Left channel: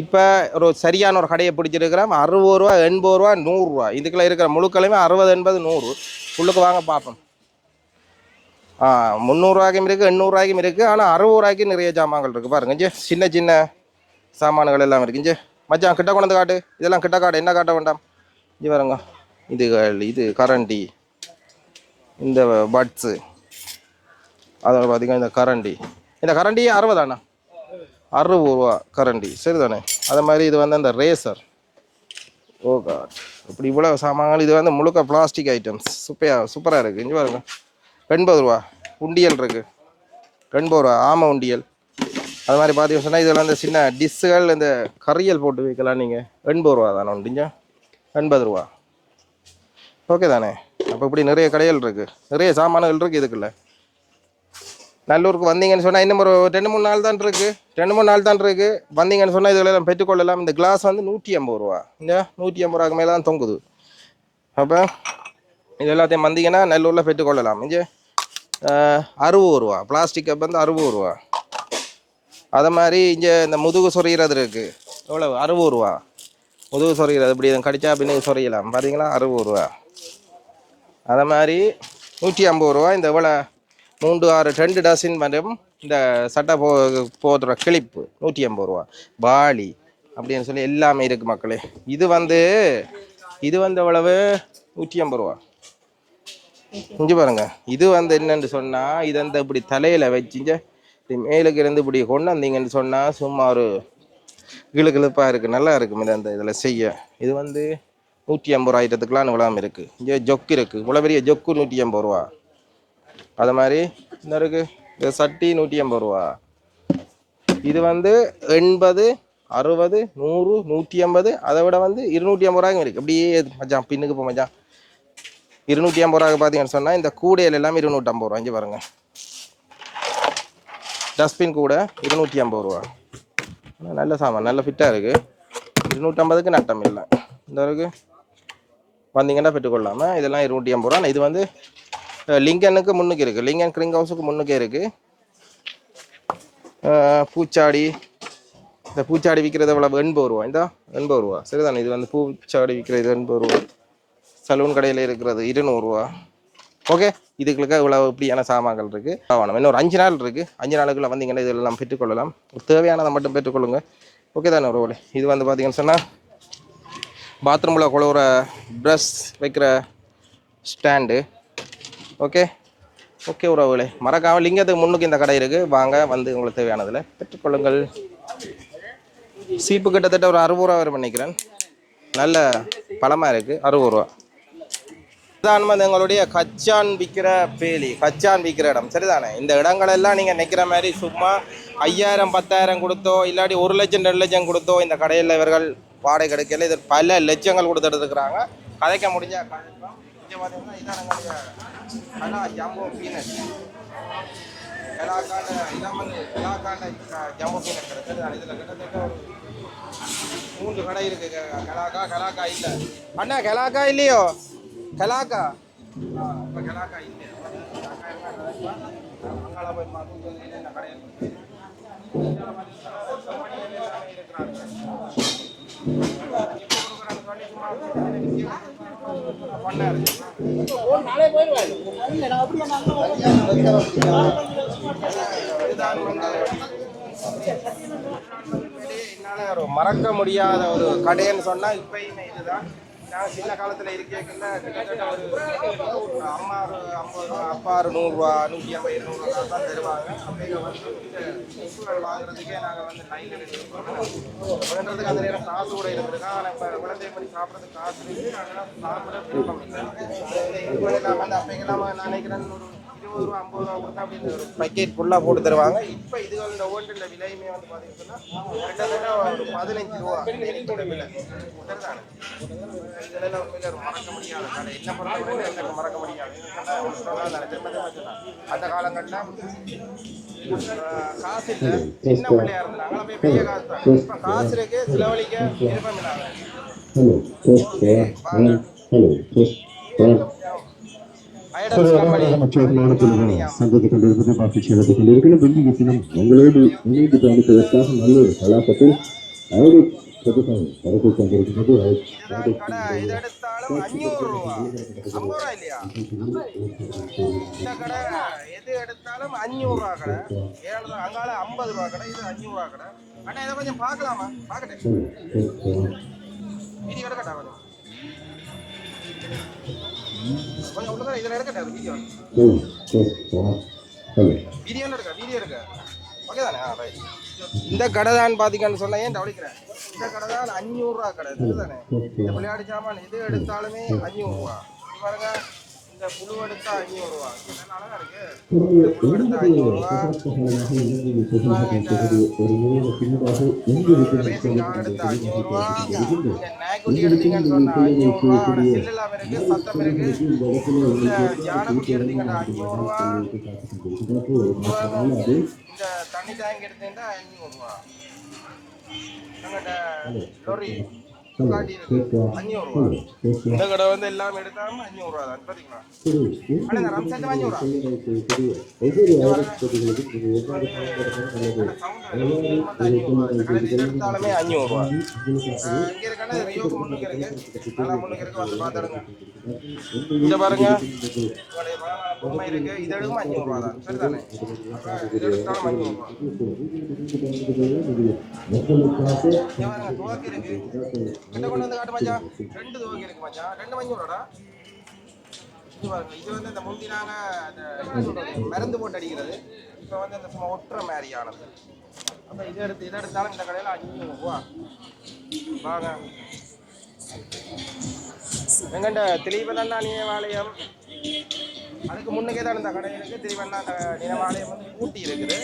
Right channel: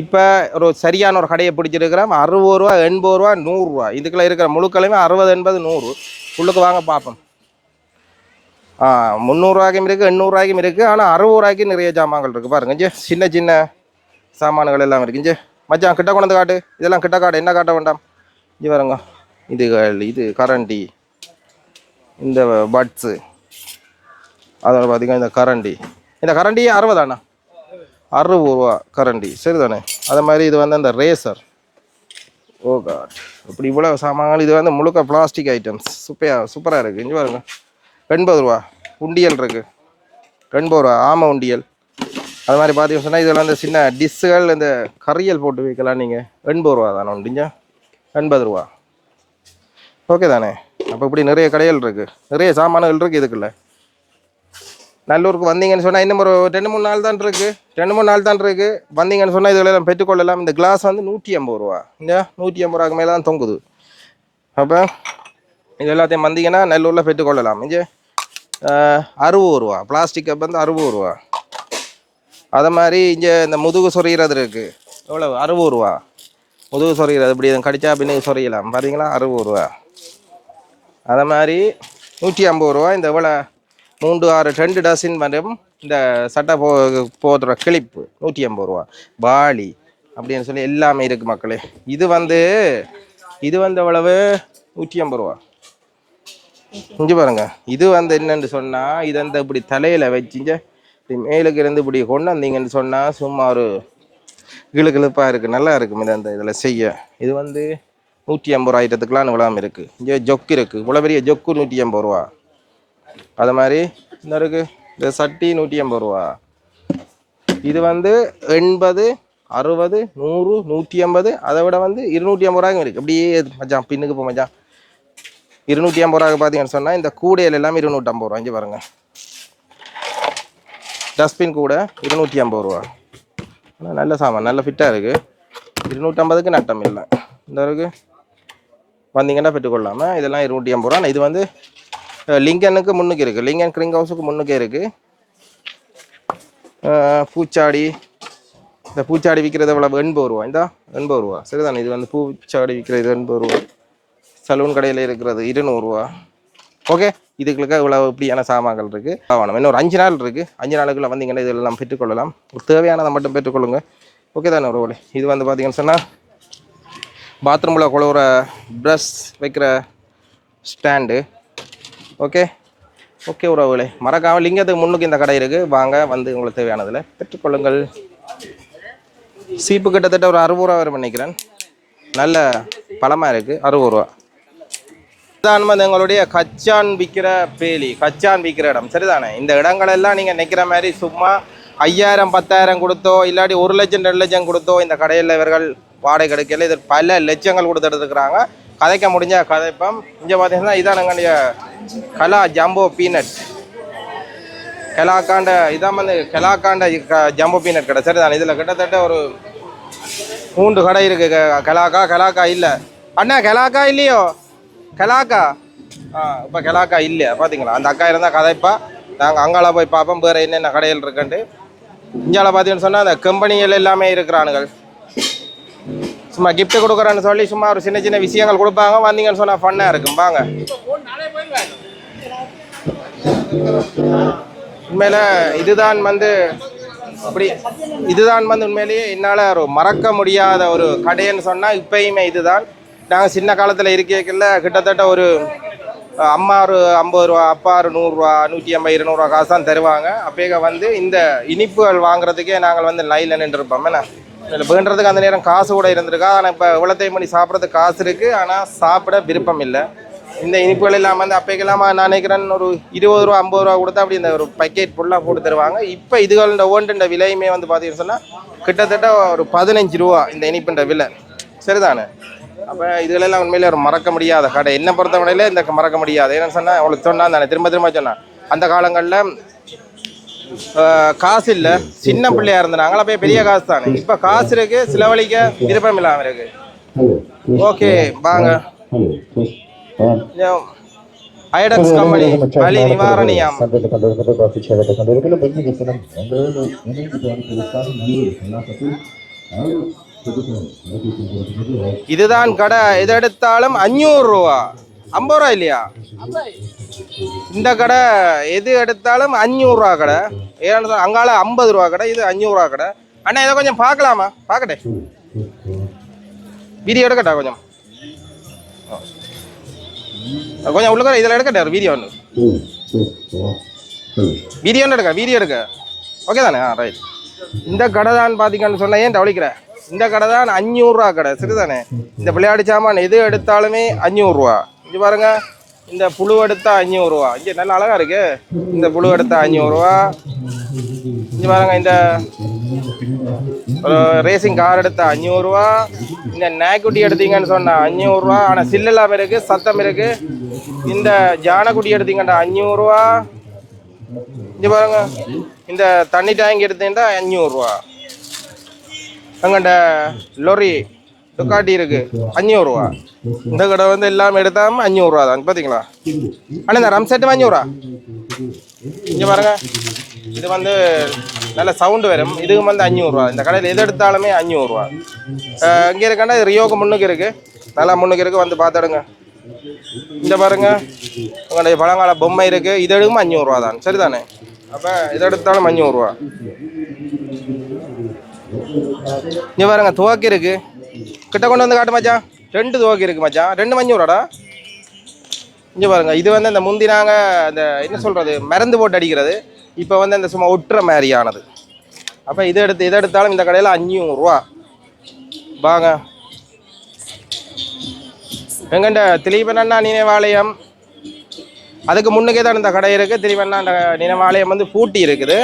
இப்போ ஒரு சரியான ஒரு கடையை பிடிச்சிருக்கிறோம். அறுபது ரூபா எண்பது ரூபா நூறுரூவா இதுக்குள்ள இருக்கிற முழுக்களையுமே அறுபது எண்பது நூறு. உள்ளுக்கு வாங்க பார்ப்போம். ஆ முந்நூறுரூவாய்க்கும் இருக்குது எண்ணூறுரூவாய்க்கும் இருக்குது ஆனால் அறுபது ரூபாய்க்கு நிறைய ஜாமான்கள் இருக்குது பாருங்க சின்ன சின்ன சாமான்கள் எல்லாம் இருக்குது மச்சான் கிட்ட கொண்டு காட்டு. இதெல்லாம் கிட்ட காட்டு. என்ன காட்ட வேண்டாம்? இது பாருங்க. இதுகள் இது கரண்டி. இந்த பட்ஸு அதோட பார்த்திங்கன்னா இந்த கரண்டி. இந்த கரண்டி அறுபதாண்ணா? அறுபது ரூபா கரண்டி. சரிதானே? அதே மாதிரி இது வந்து அந்த ரேசர் ஓ காட் இப்படி இவ்வளோ சாமான்கள். இது வந்து முழுக்க பிளாஸ்டிக் ஐட்டம்ஸ் சூப்பராக சூப்பராக இருக்குது இங்கே பாருங்க. எண்பது ரூபா உண்டியல் இருக்குது எண்பது ரூபா ஆமை உண்டியல். அது மாதிரி பார்த்தீங்கன்னு சொன்னால் இதெல்லாம் இந்த சின்ன டிஷ்ஷுகள் இந்த கறியல் போட்டு வைக்கலாம் நீங்கள் எண்பது ரூபா தானே உண்டிஞ்சா எண்பது ரூபா. ஓகே தானே? அப்போ இப்படி நிறைய கடைகள் இருக்குது நிறைய சாமான்கள் இருக்குது இதுக்குள்ள. நல்லூருக்கு வந்தீங்கன்னு சொன்னால் இன்னும் ஒரு ரெண்டு மூணு நாள் தான் இருக்குது ரெண்டு மூணு நாள் தான் இருக்குது வந்தீங்கன்னு சொன்னால் இதில் எல்லாம் பெற்றுக்கொள்ளலாம் இந்த கிளாஸ் வந்து நூற்றி ஐம்பது ரூபா. இந்த நூற்றி ஐம்பது ரூபாக்கு மேலே தான் தொங்குது. அப்போ இது எல்லாத்தையும் வந்தீங்கன்னா நல்லூரில் பெற்றுக்கொள்ளலாம் இங்கே அறுபது ரூபா. பிளாஸ்டிக் கப் வந்து அறுபது ரூபா. அதை மாதிரி இங்கே இந்த முதுகு சொறிகிறது இருக்குது எவ்வளோ அறுபது ரூபா. முதுகு சொறிகிறது இப்படி எதுவும் கடிச்சா அப்படின்னு சொறியலாம் பார்த்தீங்களா அறுபது ரூபா. அதை மாதிரி நூற்றி ஐம்பது ரூபா. இந்த எவ்வளோ மூன்று ஆறு ரெண்டு டசின் மற்றும் இந்த சட்டை போ போடுற கிளிப்பு நூற்றி ஐம்பது ரூபா. பாலி அப்படின்னு சொல்லி எல்லாமே இருக்குது மக்களே. இது வந்து இது வந்து எவ்வளவு நூற்றி ஐம்பது ரூபா. இங்கே பாருங்க. இது வந்து என்னன்னு சொன்னால் இது அந்த இப்படி தலையில் வச்சுங்க இது மேலுக்கு இருந்து இப்படி கொண்டு வந்தீங்கன்னு சொன்னால் சும்மா ஒரு கிளுகிழுப்பாக இருக்குது நல்லா இருக்கும் இது அந்த இதில் செய்ய. இது வந்து நூற்றி ஐம்பது ரூபா ஐட்டத்துக்குலாம் இருக்குது இங்கே ஜொக்கு இருக்குது இவ்வளோ பெரிய ஜொக்கு நூற்றி ஐம்பது ரூபா. அது மாதிரி இந்த இருக்குது இந்த சட்டி நூற்றி ஐம்பது ரூபா. இது வந்து எண்பது அறுபது நூறு நூற்றி ஐம்பது அதை விட வந்து இருநூற்றி ஐம்பது ரூபாய்க்கும் இருக்குது அப்படியே மச்சான் பின்னுக்கு போ மச்சான். இருநூற்றி ஐம்பது ரூபாய்க்கு பார்த்தீங்கன்னு சொன்னால் இந்த கூடையில் எல்லாமே இருநூற்றம்பது ரூபா. இங்கே பாருங்கள் டஸ்ட்பின் கூட இருநூற்றி ஐம்பது ரூபா. ஆனால் நல்ல சாமான் நல்ல ஃபிட்டாக இருக்குது இருநூற்றம்பதுக்கு நட்டம் இல்லை. இந்த அளவுக்கு வந்தீங்கன்னா பெற்றுக்கொள்ளாமல் இதெல்லாம் இருநூற்றி ஐம்பது ரூபா இது வந்து லிங்கனுக்கு முன்னுக்கு இருக்குது லிங்கன் கிரிங் ஹவுஸுக்கு முன்னுக்கே இருக்குது பூச்சாடி. இந்த பூச்சாடி விற்கிறது எவ்வளோ எண்பது ரூபா. இந்தா எண்பது ரூபா. சரிதானே? இது வந்து பூச்சாடி விற்கிறது எண்பது ரூபா. சலூன் கடையில் இருக்கிறது இருநூறுவா ஓகே? இதுகளுக்கு இவ்வளோ இப்படியான சாமான்கள் இருக்குது ஆகணும் இன்னும் ஒரு அஞ்சு நாள் இருக்குது அஞ்சு நாளுக்குள்ளே வந்தீங்கன்னா இதெல்லாம் பெற்றுக்கொள்ளலாம். ஒரு தேவையானதை மட்டும் பெற்றுக்கொள்ளுங்க. ஓகே தானே ஒரு இது வந்து பார்த்தீங்கன்னு சொன்னால் பாத்ரூமில் குழுவுற ப்ரஷ் வைக்கிற ஸ்டாண்டு ஓகே. ஓகே உறவுகளே மறக்காமல் லிங்கத்துக்கு முன்னுக்கு இந்த கடை இருக்குது வாங்க வந்து உங்களுக்கு தேவையானதில் பெற்றுக்கொள்ளுங்கள் சீப்பு கிட்டத்தட்ட ஒரு அறுபது ரூபா வரும் நினைக்கிறேன். நல்ல பழமாக இருக்குது அறுபது ரூபா. இதான் வந்து எங்களுடைய கச்சான் விற்கிற பேலி கச்சான் விற்கிற இடம். சரிதானே? இந்த இடங்களெல்லாம் நீங்கள் நிற்கிற மாதிரி சும்மா ஐயாயிரம் பத்தாயிரம் கொடுத்தோ இல்லாட்டி ஒரு லட்சம் ரெண்டு லட்சம் கொடுத்தோ இந்த கடையில் இவர்கள் வாடகை கிடைக்கல இது பல லட்சங்கள் கொடுத்துட்டு இருக்கிறாங்க கதைக்க முடிஞ்ச கதைப்பம். இங்கே பார்த்தீங்கன்னா இதான் எங்களுடைய கலா ஜம்போ பீனட். கலாக்காண்ட இதான் வந்து கலாக்காண்ட க- ஜம்போ பீனட் கடை. சரிதான்? இதில் கிட்டத்தட்ட ஒரு மூன்று கடை இருக்கு. கலாக்கா கலாக்கா கெலாக்கா இல்லை. அண்ணா கெலாக்கா இல்லையோ? கெலாக்கா? ஆ இப்போ கெலாக்கா இல்லை பார்த்தீங்களா அந்த அக்கா இருந்தால் கதைப்பா. நாங்கள் அங்கால போய் பார்ப்போம். வேறு என்னென்ன கடைகள் இருக்குன்ட்டு. இந்தியாவில் பார்த்தீங்கன்னு சொன்னால் அந்த கம்பெனிகள் எல்லாமே இருக்கிறானுங்கள் சும்மா கிஃப்ட் கொடுக்குறேன்னு சொல்லி சும்மா ஒரு சின்ன சின்ன விஷயங்கள் கொடுப்பாங்க. வந்தீங்கன்னு சொன்னால் ஃபன்னாக இருக்கும். வாங்க. உண்மையில இதுதான் வந்து அப்படி இதுதான் வந்து உண்மையிலேயே என்னால் ஒரு மறக்க முடியாத ஒரு கடைன்னு சொன்னால் இப்பயுமே இதுதான். நாங்கள் சின்ன காலத்தில் இருக்கைக்குள்ள கிட்டத்தட்ட ஒரு அம்மா ஒரு ஐம்பது ரூபா அப்பா ஒரு நூறுரூவா நூற்றி ஐம்பது இருநூறுவா காசு தான் தருவாங்க. அப்பேக வந்து இந்த இனிப்புகள் வாங்குறதுக்கே நாங்கள் வந்து லைனில் நின்றுருப்போம். என்ன? இதில் வேண்டுறதுக்கு அந்த நேரம் காசு கூட இருந்திருக்கா? ஆனால் இப்போ இவ்வளோத்தையும் பண்ணி சாப்பிட்றதுக்கு காசு இருக்குது ஆனால் சாப்பிட விருப்பம் இல்லை. இந்த இனிப்புகள் இல்லாமல் வந்து அப்போக்கெல்லாம் நான் நினைக்கிறேன் ஒரு இருபது ரூபா ஐம்பது ரூபா கொடுத்தா அப்படி இந்த ஒரு பக்கெட் ஃபுல்லாக போட்டு தருவாங்க. இப்போ இதுகளோட ஒன்றுன்ற விலையுமே வந்து பார்த்தீங்கன்னு சொன்னால் கிட்டத்தட்ட ஒரு பதினஞ்சு ரூபா இந்த இனிப்புன்ற விலை. சரிதானே? அப்போ இதுகளெல்லாம் உண்மையிலே ஒரு மறக்க முடியாத கடை. என்ன பொறுத்தவரையில இந்த மறக்க முடியாது. ஏன்னு சொன்னால் அவளுக்கு சொன்னான் தானே திரும்ப திரும்ப சொன்னான். அந்த காலங்களில் காசு இல்லை. சின்ன பிள்ளையா இருந்தாங்க அப்போ பெரிய காசு தானே. இப்போ காசு இருக்கு செலவழிக்க விருப்பம் இல்லாமல் இருக்கு. ஓகே வாங்க. ஐடக்ஸ் கம்பெனி வலி நிவாரணியம். சந்தத்தை இதுதான் கடை. எது எடுத்தாலும் அஞ்சூறு ரூபா. ஐம்பது ரூபா இல்லையா? இந்த கடை எது எடுத்தாலும் அஞ்சூறுரூவா கடை. ஏன்னு அங்கால ஐம்பது ரூபா கடை இது அஞ்சூறுரூவா கடை. அண்ணா இதை கொஞ்சம் பார்க்கலாமா? பார்க்கட்டே. வீடியோ எடுக்கட்டா கொஞ்சம்? கொஞ்சம் உள்ள இதில் எடுக்கட்டே ஒரு வீடியோ ஒன்று. ஹலோ எடுக்க வீடியோ எடுக்க. ஓகே தானே? ஆ ரைட் இந்த கடை தான் பார்த்தீங்கன்னு சொன்ன ஏன் தவளிக்கிறேன் இந்த கடை தான் அஞ்சூறுரூவா கடை சரிதானே? இந்த விளையாட்டு சாமான் எது எடுத்தாலுமே அஞ்சூறுரூவா. இது பாருங்க இந்த புழு எடுத்தா அஞ்சூறுரூவா. இங்கே நல்ல அழகாக இருக்கு. இந்த புழு எடுத்தா அஞ்சூறுரூவா. இது பாருங்க இந்த ரேசிங் கார் எடுத்தா அஞ்சூறுரூவா. இந்த நாய்க்குட்டி எடுத்தீங்கன்னு சொன்னால் அஞ்சூறுரூவா. ஆனால் சில்லெல்லாம் இருக்குது சத்தம் இருக்குது இந்த ஜானக்குட்டி எடுத்தீங்கன்னா அஞ்சூறுரூவா. இது பாருங்க இந்த தண்ணி டேங்க் எடுத்தீங்கன்னா அஞ்சூறுரூவா அங்கண்ட லொரி சுக்காட்டி இருக்கு அஞ்சூறுரூவா இந்த கடை வந்து எல்லாமே எடுத்தாம அஞ்சூறுரூவா தான் பார்த்தீங்களா ஆனால் இந்த ரம் செட்டு அஞ்சூறுரூவா இங்கே பாருங்க. இது வந்து நல்ல சவுண்டு வரும் இதுக்கு வந்து அஞ்சூறுரூவா இந்த கடையில் எது எடுத்தாலுமே அஞ்சூறுரூவா இங்கே இருக்கேன்னா ரியோக்கு முன்னுக்கு இருக்குது நல்லா முன்னுக்கு இருக்கு. வந்து பார்த்துடுங்க இந்த பாருங்க. உங்களுடைய பழங்கால பொம்மை இருக்கு. இது எடுக்கும் அஞ்சூறுரூவா தான். சரிதானே? அப்போ இதை எடுத்தாலும் அஞ்சூறுரூவா இங்கே பாருங்க துவக்கி இருக்கு. கிட்ட கொண்டு வந்து காட்டு மச்சான். ரெண்டு துவக்கி இருக்கு மச்சான். ரெண்டு அஞ்சூறுவாடா? இங்கே பாருங்க இது வந்து அந்த முந்தி நாங்கள் அந்த என்ன சொல்கிறது மருந்து போட்டு அடிக்கிறது. இப்போ வந்து அந்த சும்மா ஒட்டுற மாதிரியானது. அப்போ இதை எடுத்து இதை எடுத்தாலும் இந்த கடையில் அஞ்சூறுரூவா வாங்க. எங்கண்ட திலீபனண்ணா நினைவாலயம்? அதுக்கு முன்னுக்கே தான் இந்த கடை இருக்குது திலீபண்ணா நினைவாலயம் வந்து பூட்டி இருக்குது.